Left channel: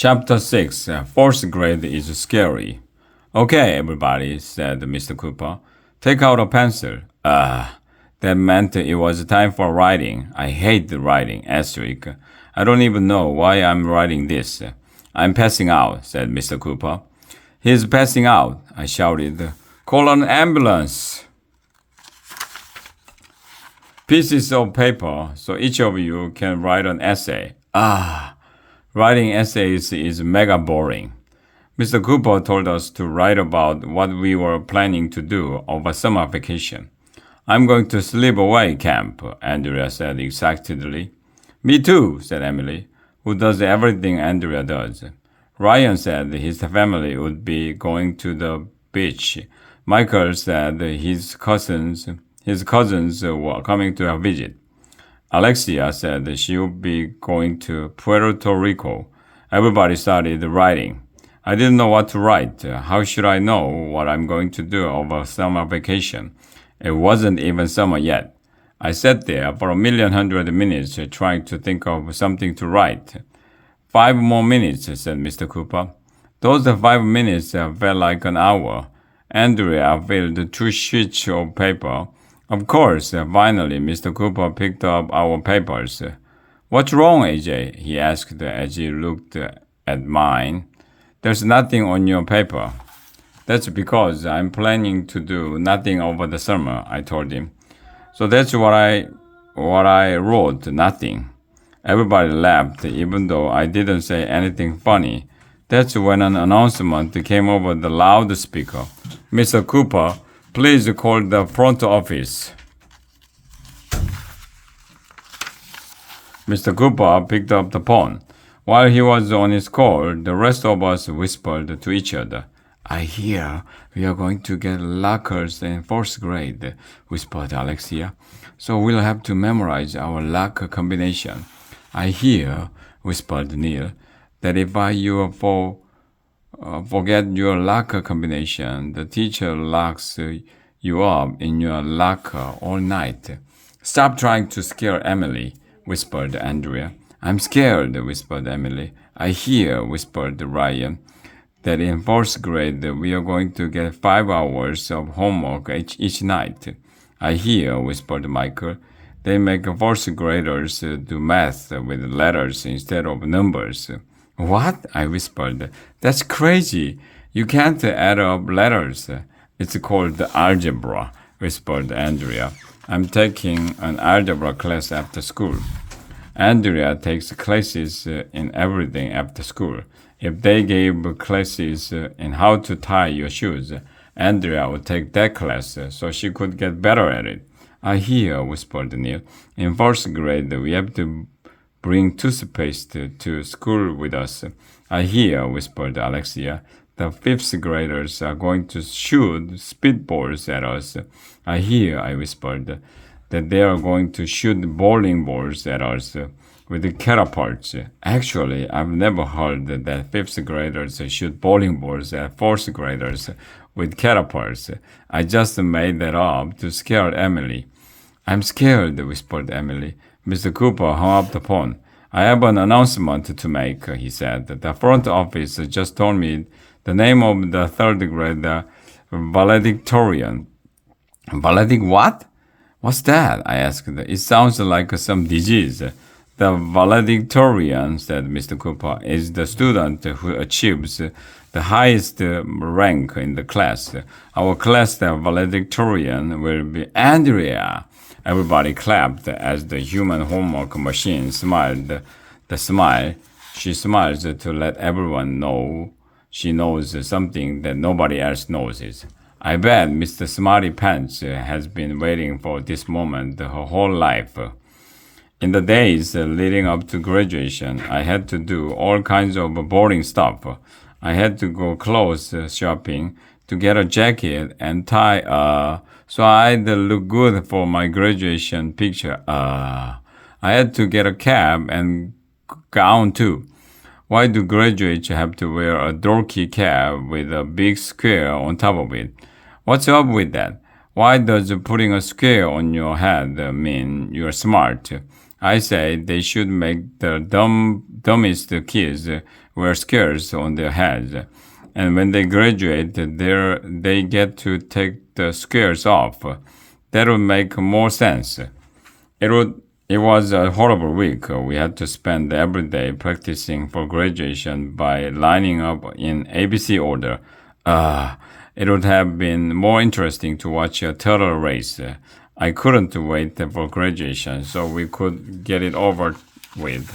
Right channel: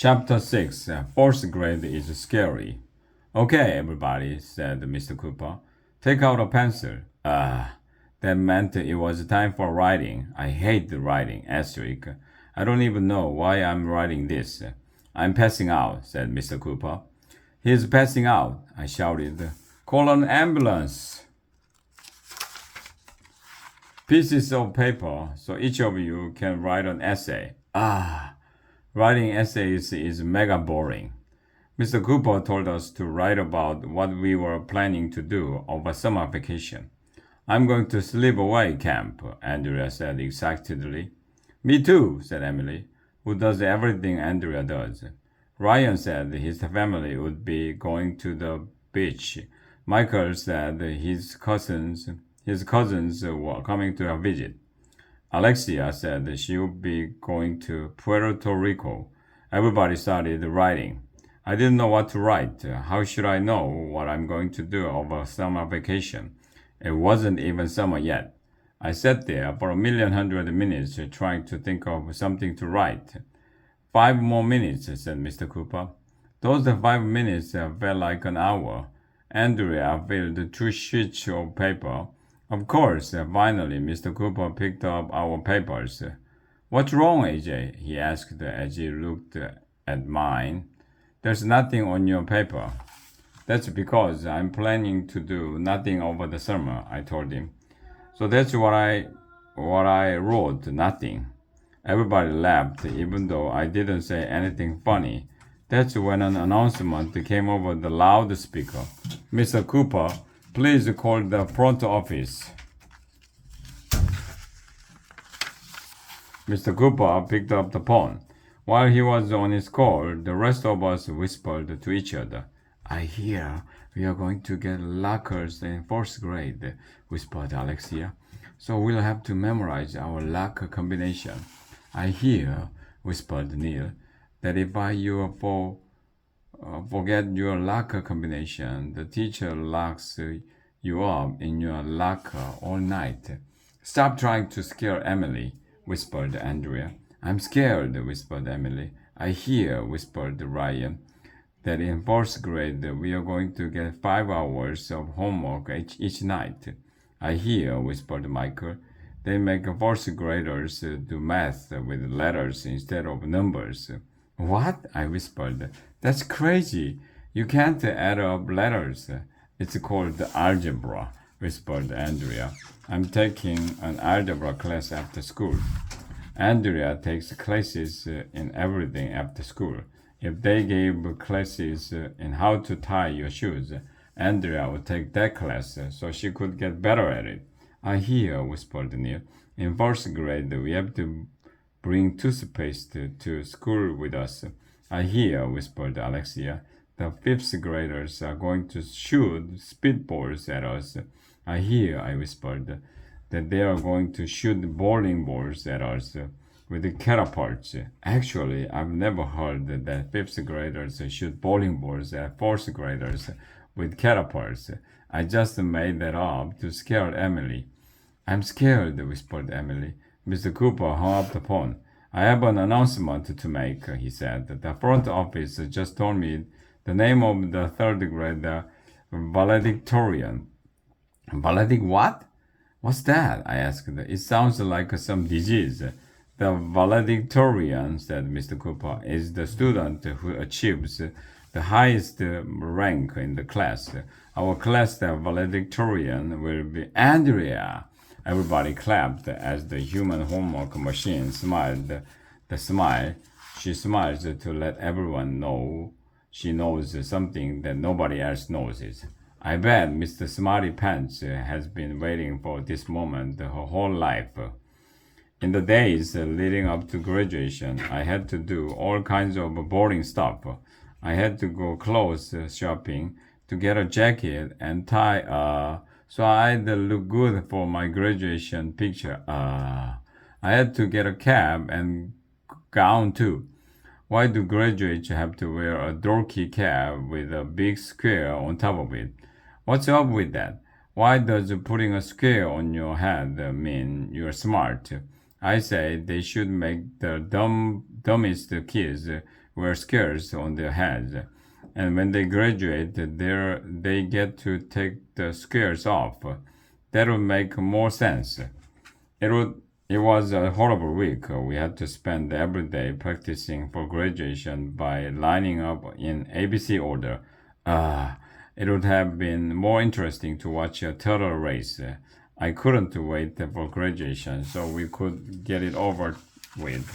Chapter 6 Fourth Grade is Scary. Okay, everybody, said Mr. Cooper. Take out a pencil. That meant it was time for writing. I hate writing, asterisk. I don't even know why I'm writing this. I'm passing out, said Mr. Cooper. He's passing out, I shouted. Call an ambulance. Pieces of paper so each of you can write an essay. Writing essays is mega boring. Mr. Cooper told us to write about what we were planning to do over summer vacation. I'm going to sleepaway camp, Andrea said excitedly. Me too, said Emily, who does everything Andrea does. Ryan said his family would be going to the beach. Michael said his cousins were coming to visit. Alexia said she would be going to Puerto Rico. Everybody started writing. I didn't know what to write. How should I know what I'm going to do over summer vacation? It wasn't even summer yet. I sat there for 1,100,000 minutes trying to think of something to write. 5 more minutes, said Mr. Cooper. Those 5 minutes felt like an hour. Andrea filled 2 sheets of paper. Of course, finally, Mr. Cooper picked up our papers. What's wrong, AJ? He asked as he looked at mine. There's nothing on your paper. That's because I'm planning to do nothing over the summer, I told him. So that's what I wrote, nothing. Everybody laughed, even though I didn't say anything funny. That's when an announcement came over the loudspeaker. Mr. Cooper, please call the front office. Mr. Cooper picked up the phone. While he was on his call, the rest of us whispered to each other. I hear we are going to get lockers in 4th grade, whispered Alexia. So we'll have to memorize our locker combination. I hear, whispered Neil, that if you forget your locker combination, the teacher locks you up in your locker all night. Stop trying to scare Emily, whispered Andrea. I'm scared, whispered Emily. I hear, whispered Ryan, that in 4th grade we are going to get 5 hours of homework each night. I hear, whispered Michael, they make 4th graders do math with letters instead of numbers. What? I whispered. That's crazy. You can't add up letters. It's called algebra, whispered Andrea. I'm taking an algebra class after school. Andrea takes classes in everything after school. If they gave classes in how to tie your shoes, Andrea would take that class so she could get better at it. I hear, whispered Neil. In 4th grade, we have to bring toothpaste to school with us. I hear, whispered Alexia. The 5th graders are going to shoot speedballs at us. I hear, I whispered, that they are going to shoot bowling balls at us with catapults. Actually, I've never heard that 5th graders shoot bowling balls at 4th graders with catapults. I just made that up to scare Emily. I'm scared, whispered Emily. Mr. Cooper hung up the phone. I have an announcement to make, he said. The front office just told me the name of the 3rd grade valedictorian. Valedic what? What's that? I asked. It sounds like some disease. The valedictorian, said Mr. Cooper, is the student who achieves the highest rank in the class. Our class valedictorian will be Andrea. Everybody clapped as the human homework machine smiled. The smile, she smiles to let everyone know she knows something that nobody else knows. I bet Mr. Smarty Pants has been waiting for this moment her whole life. In the days leading up to graduation, I had to do all kinds of boring stuff. I had to go clothes shopping to get a jacket and tie so I'd look good for my graduation picture. I had to get a cap and gown too. Why do graduates have to wear a dorky cap with a big square on top of it? What's up with that? Why does putting a square on your head mean you're smart? I say they should make the dumbest kids wear squares on their heads. And when they graduate, they get to take the squares off. That would make more sense. It was a horrible week. We had to spend every day practicing for graduation by lining up in ABC order. It would have been more interesting to watch a turtle race. I couldn't wait for graduation so we could get it over with.